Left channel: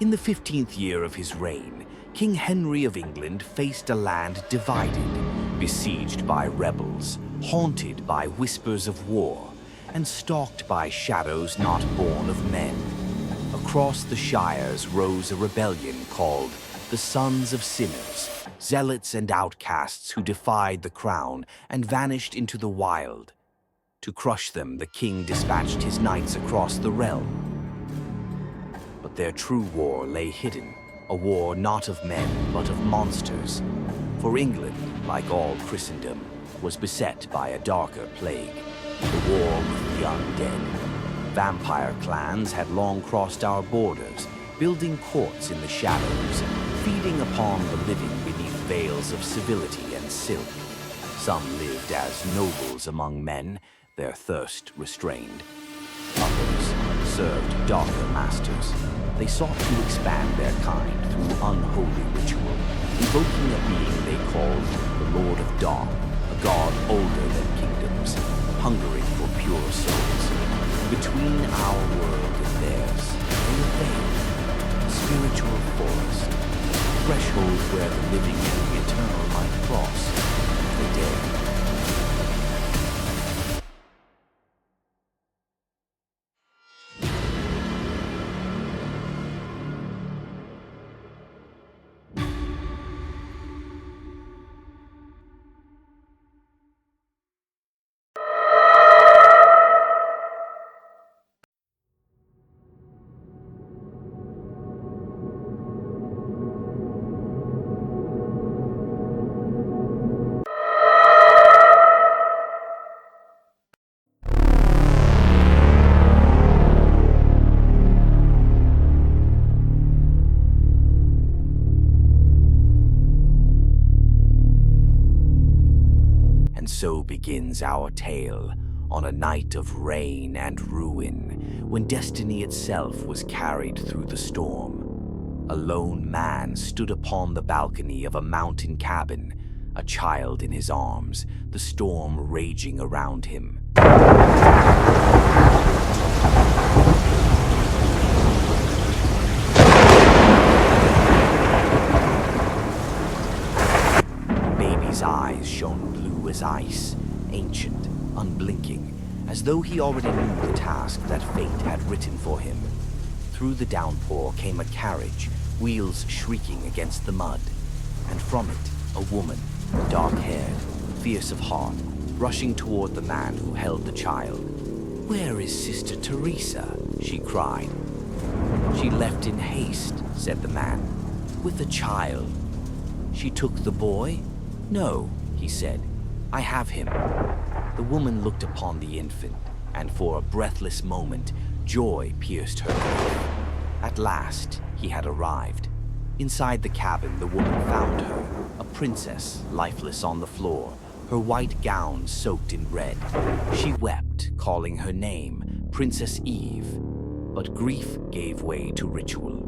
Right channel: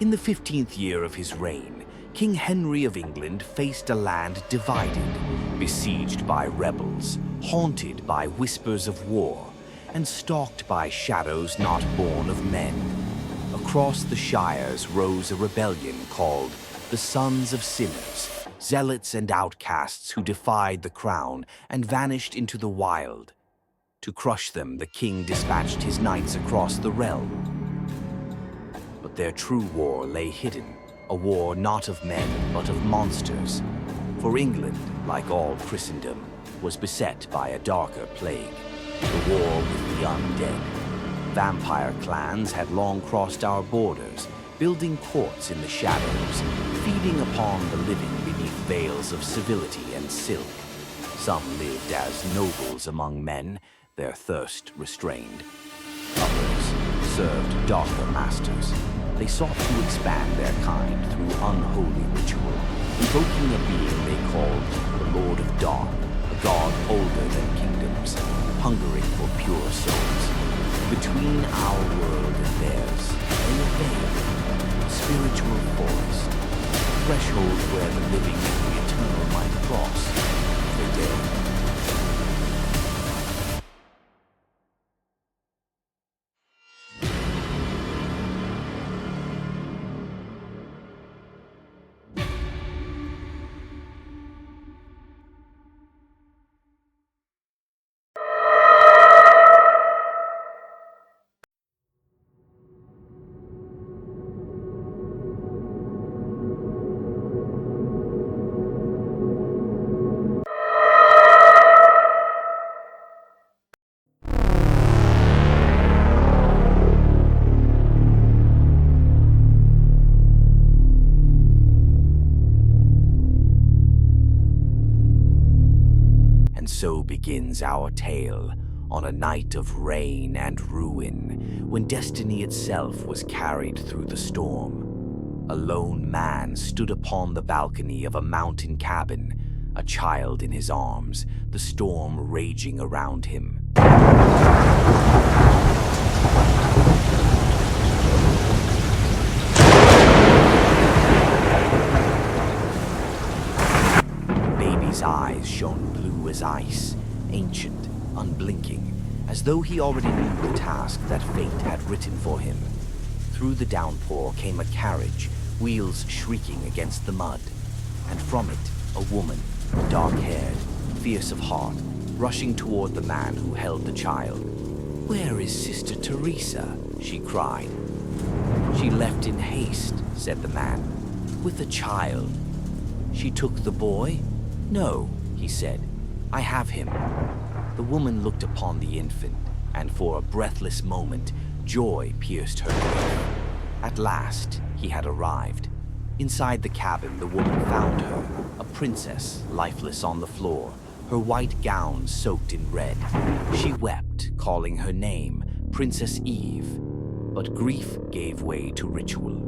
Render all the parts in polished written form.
In the 15th year of his reign, King Henry of England faced a land divided, besieged by rebels, haunted by whispers of war, and stalked by shadows not born of men. Across the shires rose a rebellion called the Sons of Sinners, zealots and outcasts who defied the crown and vanished into the wild. To crush them, the king dispatched his knights across the realm. But their true war lay hidden, a war not of men, but of monsters. For England, like all Christendom, was beset by a darker plague, the war with the undead. Vampire clans had long crossed our borders, building courts in the shadows, feeding upon the living beneath veils of civility and silk. Some lived as nobles among men, their thirst restrained. Others served darker masters. They sought to expand their kind through unholy ritual, invoking a being they called the Lord of Dark, a god older than kingdoms, hungering for pure souls. And between our world and theirs lay a veil, a spiritual forest, a threshold where the living and the eternal might cross if they dared. So begins our tale on a night of rain and ruin, when destiny itself was carried through the storm. A lone man stood upon the balcony of a mountain cabin, a child in his arms, the storm raging around him. His eyes shone blue as ice, ancient, unblinking, as though he already knew the task that fate had written for him. Through the downpour came a carriage, wheels shrieking against the mud, and from it a woman, dark-haired, fierce of heart, rushing toward the man who held the child. "Where is Sister Teresa?" she cried. "She left in haste," said the man, "with the child." "She took the boy?" "No," he said, "I have him." The woman looked upon the infant, and for a breathless moment, joy pierced her grief. At last, he had arrived. Inside the cabin, the woman found her, a princess, lifeless on the floor, her white gown soaked in red. She wept, calling her name, Princess Eve. But grief gave way to ritual.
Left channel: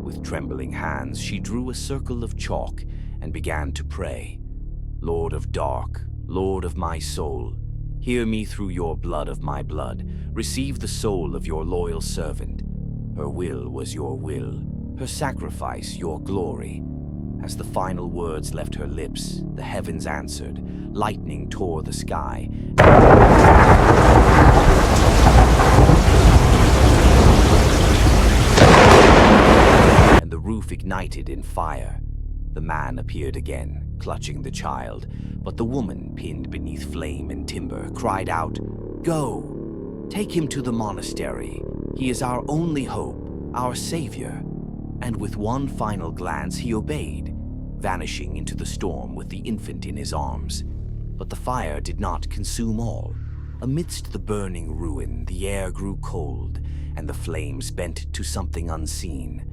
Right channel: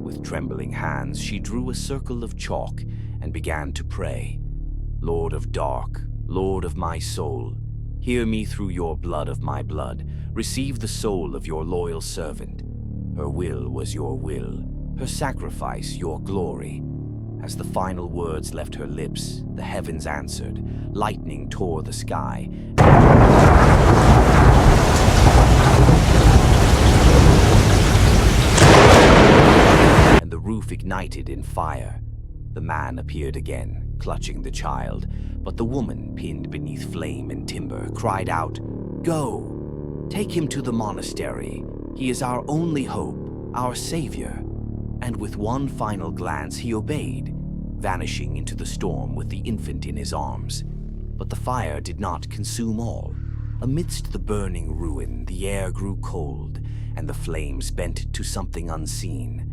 With trembling hands, she drew a circle of chalk and began to pray. "Lord of Dark, Lord of my soul, hear me through your blood of my blood. Receive the soul of your loyal servant. Her will was your will, her sacrifice your glory." As the final words left her lips, the heavens answered. Lightning tore the sky. And the roof ignited in fire. The man appeared again, clutching the child, but the woman, pinned beneath flame and timber, cried out, "Go! Take him to the monastery. He is our only hope, our savior." And with one final glance he obeyed, vanishing into the storm with the infant in his arms. But the fire did not consume all. Amidst the burning ruin, the air grew cold, and the flames bent to something unseen.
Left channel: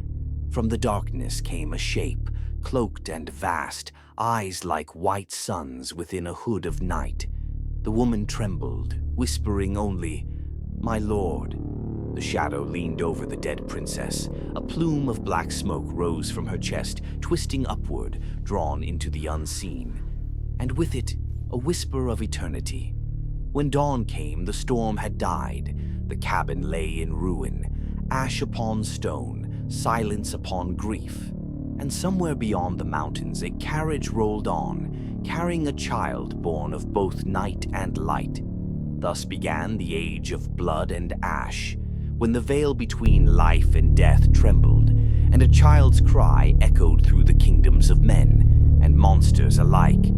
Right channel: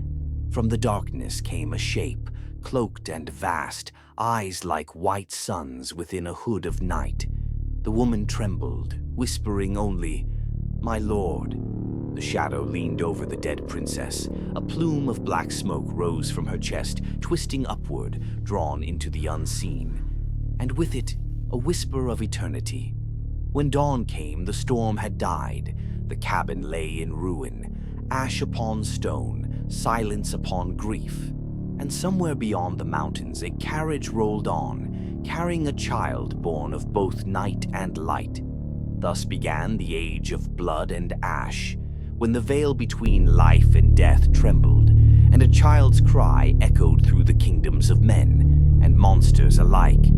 From the darkness came a shape, cloaked and vast, eyes like white suns within a hood of night. The woman trembled, whispering only, "My lord." The shadow leaned over the dead princess. A plume of black smoke rose from her chest, twisting upward, drawn into the unseen. And with it, a whisper of eternity. When dawn came, the storm had died. The cabin lay in ruin, ash upon stone, silence upon grief. And somewhere beyond the mountains, a carriage rolled on, carrying a child born of both night and light. Thus began the age of blood and ash, when the veil between life and death trembled, and a child's cry echoed through the kingdoms of men and monsters alike,